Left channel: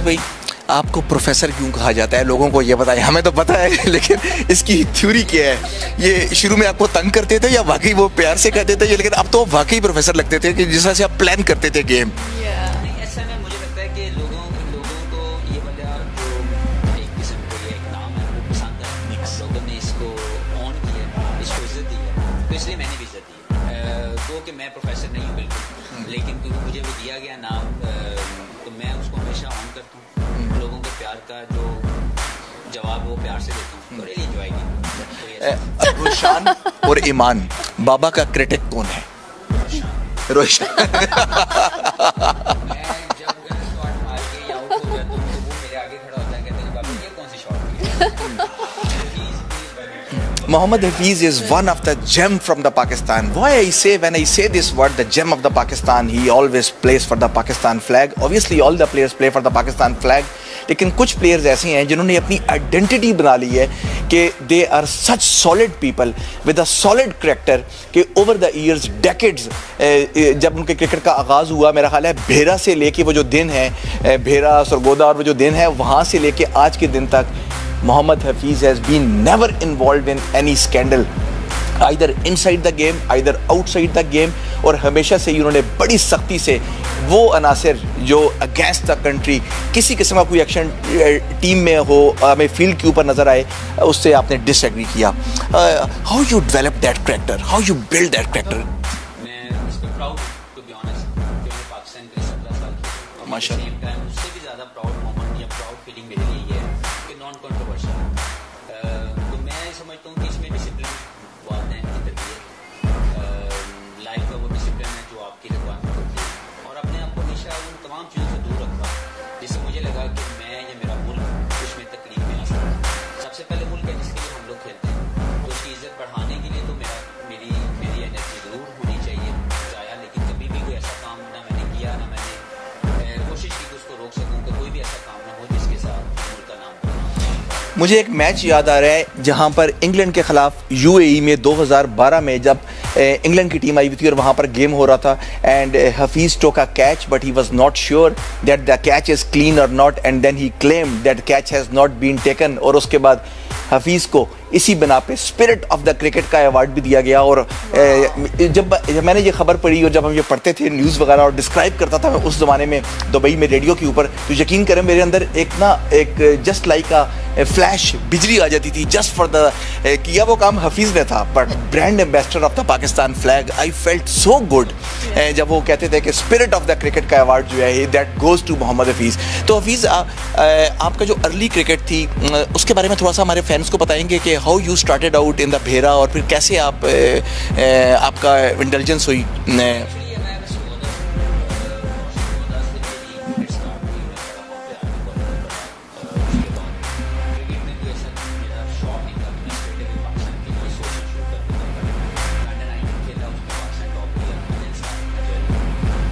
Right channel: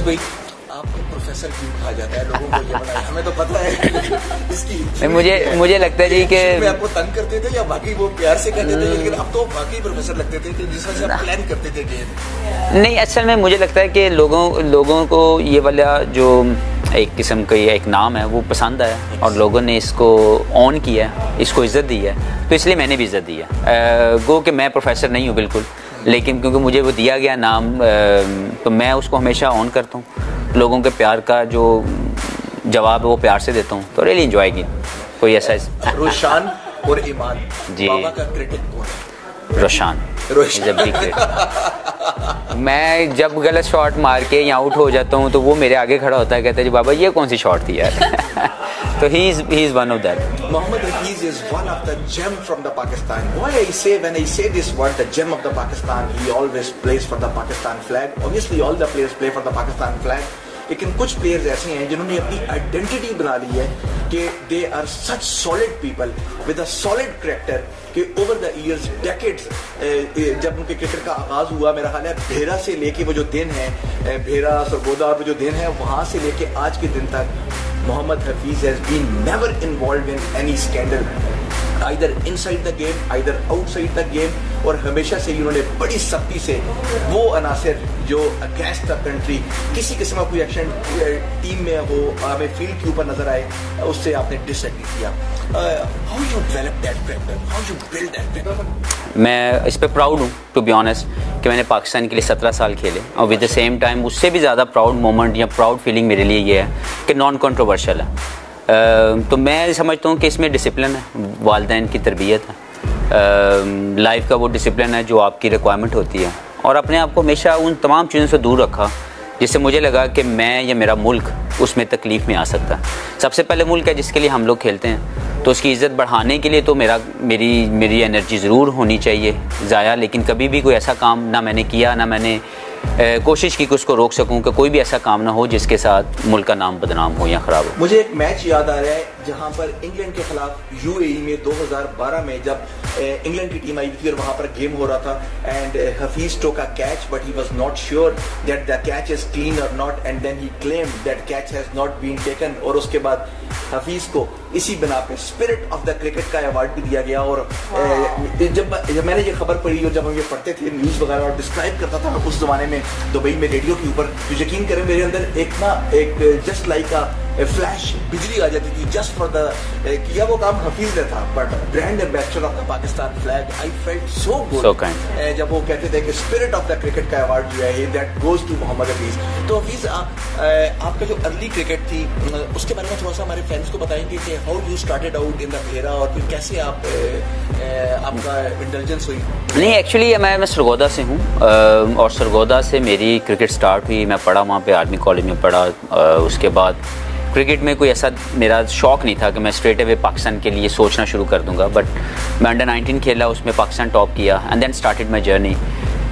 حفیظ بھائی آپ کو پروفیسر کیوں کہا جاتا ہے؟ لوگوں کو یہ بتائیں, ہمیں تو پتہ ہے لیکن اس کی تھیوری کیا ہے؟ مجھے لگتا ہے کہ شروع میں آپ کو تنگ کرتے تھے یا واقعی وہ پیار سے کہتے تھے, لیکن اب تو واقعی پروفیسر لگتے تھے کہ جس طرح سے آپ پلان کرتے تھے گیم؟ نہیں, اصل میں مجھے لگتا ہے کہ لوگوں کو یہ والا جو ایک قسم کا ایک نام ہے وہ پسند آیا اور لوگوں نے اس کو آن کیا ہے, اس کو عزت دی ہے, تو اس لیے میں نے بھی عزت دی ہے. گو کہ میں پروفیسر نہیں ہوں بالکل, لیکن کیونکہ مجھے وہ دیا گیا نام تو میں اس کو ہمیشہ آن کرتا ہوں. لوگوں کے پیار کا جو جواب ہے وہ پیار سے دیتا ہوں, تو ریلی انجوائے کی. کوئی ایسا روشان اور ایمان, بابا کا کرٹک کون ہے؟ روشان. میں جب غلط شاٹ مار کے یا آؤٹ ہو جاتا ہوں تو وہ میرے آگے کھڑا ہوتا ہے, کہتا ہے جی بابا یہ کون سی شاٹ تھی یار. So he is one of that. Mohammad Hafiz is one of the gem from the Pakistan. Why when I say this word, the gem of the Pakistan, he always plays for the Pakistan flag. Obviously all the players play for the Pakistan flag. لیکن کچھ players ایسے ہیں جنہوں نے اپنی identity بنا لی ہے کہ they are such solid people with a solid character کہ اوور دا ایئرز ڈیکیڈز جب ان کے کرکٹ کا آغاز ہوا, میرا خیال ہے بھیرا سے لے کے وہ جو دن ہے, بھیرا سرگودا اور وہ جو دن ہے, وہاں سے لے کے آج کے دن تک محمد Hafeez has been never involved in any scandal either inside the game either outside the game, اور ہمیشہ سے ہی انہوں نے بڑی سختی سے وہ عناصر جو اگینسٹ دا کنٹری کسی قسم کا کوئی ایکشن ٹیم میں ہو, ہمیں فیلڈ کے اوپر نظر آئے, اس سے آپ نے ڈس ایگری کیا. How you develop that character, how you build that character? میں اس پہ پراؤڈ ہوں ٹو بی آنیسٹ کہ میں نے پاکستان کے لیے 17 سال کھیلے, اور ود دا سیم ٹائم اس سے بھی زیادہ پراؤڈ مومنٹ یا پراؤڈ فیلنگ میرے لیے یہ ہے کہ نان کنٹروورشل ہے. تو میں سمجھتا ہوں کہ اس میں ڈسپلن ہے, والدین کی تربیت ہے, لائف کا وہ ڈسپلن ہے جو آپ کی ریکوائرمنٹ ہوتی ہے, اور اپنے آپ کو ہمیشہ ان تمام چیزوں سے دور رکھا جس سے مجھے لگا کہ میں یا میرا ملک اس میں تکلیف میں آ سکتا ہے. سب سے پہلے ملک ہے جس کے لیے ہم لوگ کھیلتے ہیں, تو اس کی عزت بڑھانے کے لیے تو میری انرجی ضرور ہونی چاہیے ضائع, لیکن کبھی بھی کوئی ایسا کام نہ میں نے کیا, نہ میں نے کوشش کی کہ اس کو روک سکوں کہ کوئی بھی ایسا کام نہ ہو جس کے ساتھ ملک کا نام بدنام ہو یا خراب ہو. مجھے ایک میچ یاد آ رہا ہے جہاں پر انگلینڈ کے خلاف یو اے ای میں 2012 میں جب انگلینڈ کی ٹیم آئی ہوئی تھی اور وہاں پر گیم ہو رہا تھا, and Hafeez took a catch but he was not sure that the catch is clean or not, and then he claimed that catch has not been taken, اور اس کے بعد حفیظ کو اسی بنا پہ اسپرٹ آف دا کرکٹ کا ایوارڈ بھی دیا گیا. اور جب میں نے یہ خبر پڑھی اور جب ہم یہ پڑھتے تھے نیوز وغیرہ اور ڈسکرائب کرتا تھا میں اس زمانے میں دبئی میں ریڈیو کے اوپر, تو یقین کریں میرے اندر ایک جسٹ لائک فلیش بجلی آ جاتی تھی جسٹ فار دا کیا وہ کام حفیظ نے تھا, but brand ambassador of the Pakistan flag. I felt so good جب وہ کہتے تھے کہ اسپرٹ آف دا کرکٹ کا ایوارڈ جو ہے دیٹ گوز ٹو محمد حفیظ. تو حفیظ آپ کا جو ارلی کرکٹ تھی اس کے بارے میں تھوڑا سا ہمارے فینس کو بتائیں گے کہ how you started out in the Bhera, اور پھر کیسے آپ کا انٹیلیجنس ہوئی؟ نہیں, ایکچولی میں سرگودا سے ہوں, اور سرگودا سے میری کرکٹ سٹارٹ ہوئی. میں پڑھا وہاں پہ آرمی کالج میں پڑھا, اس کے بعد کرکٹ میں کوئی ایسا میرا شوق نہیں تھا کہ میں اسٹریٹ اوے پاکستان کے لیے سوچنا شروع کر دوں گا, بٹ میں انڈر 19 کھیلا, اس میں پاکستان ٹاپ کیا, and then started my journey.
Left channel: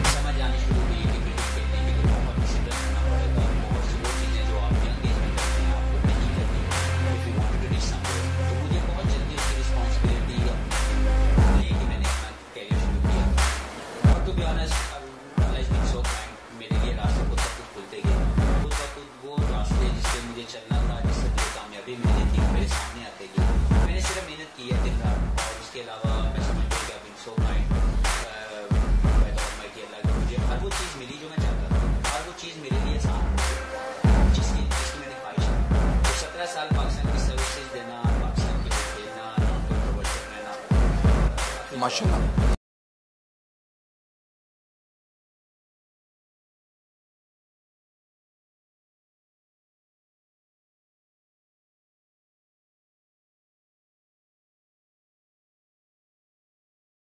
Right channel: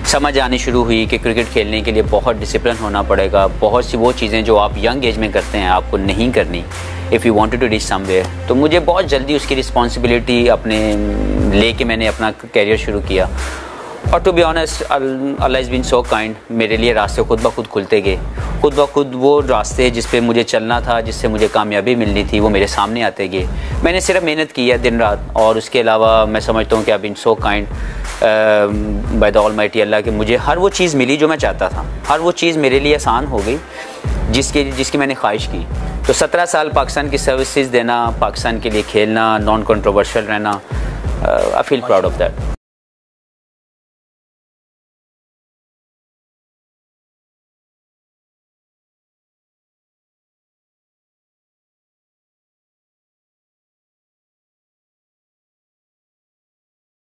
سمجھ آنی شروع ہوئی کہ کرکٹ کھیلنے کے لیے بہت ڈسپلن ہونا پڑے گا, بہت سی وہ چیزیں جو آپ ینگ ایج میں کرتے ہیں آپ کو نہیں کرنی if you wanted to reach somewhere. تو مجھے بہت جلدی اس کی رسپانسبلٹی اپنے لے کے میں نے اپنا کیریئر شروع کیا, اور to be honest Allah has been so kind, میرے لیے راستے خود بخود کھلتے گئے, خود بخود وہ راستے جس پہ مجھے چلنا تھا, جس سے مجھے کامیابی ملنی تھی, وہ میرے سامنے آتے گئے. میں نے صرف محنت کی ہے دن رات, اور اس کے علاوہ میں سمجھتا ہوں کہ I been so kind by the almighty Allah کہ مجھے ہر وہ چیز ملی جو میں چاہتا تھا, ہر وہ چیز میرے لیے آسان ہو گئی جس کی میں نے خواہش کی. تو 17 سال پاکستان کی سروسز دینا, پاکستان کے لیے کھیلنا, نان کنٹروورشل رہنا, آئی فیل پراؤڈ آف دیٹ.